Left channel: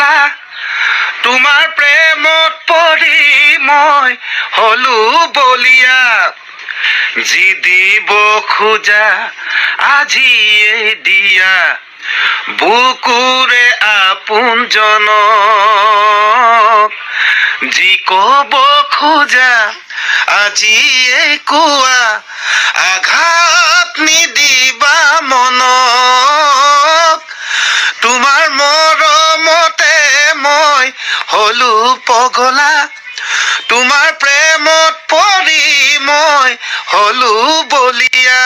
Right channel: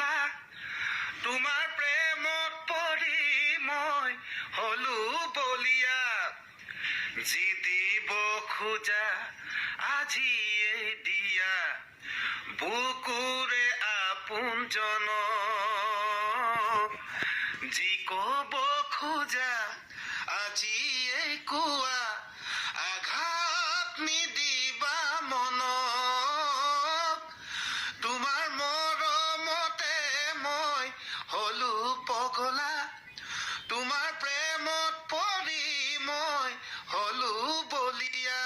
পগলা তোমাৰ প্ৰেমত পৰি মই হলো বলিয়া যি দিব খোজা আজিয়ে দিয়া বুকুৰে আপোনজনক যি কব খোজা আজিয়ে কোৱা আঘাত নিদিবা মনক তোমাৰ মৰমতে মই হলো পগলা তোমাৰ প্ৰেমত পৰি মই হলো বলিয়া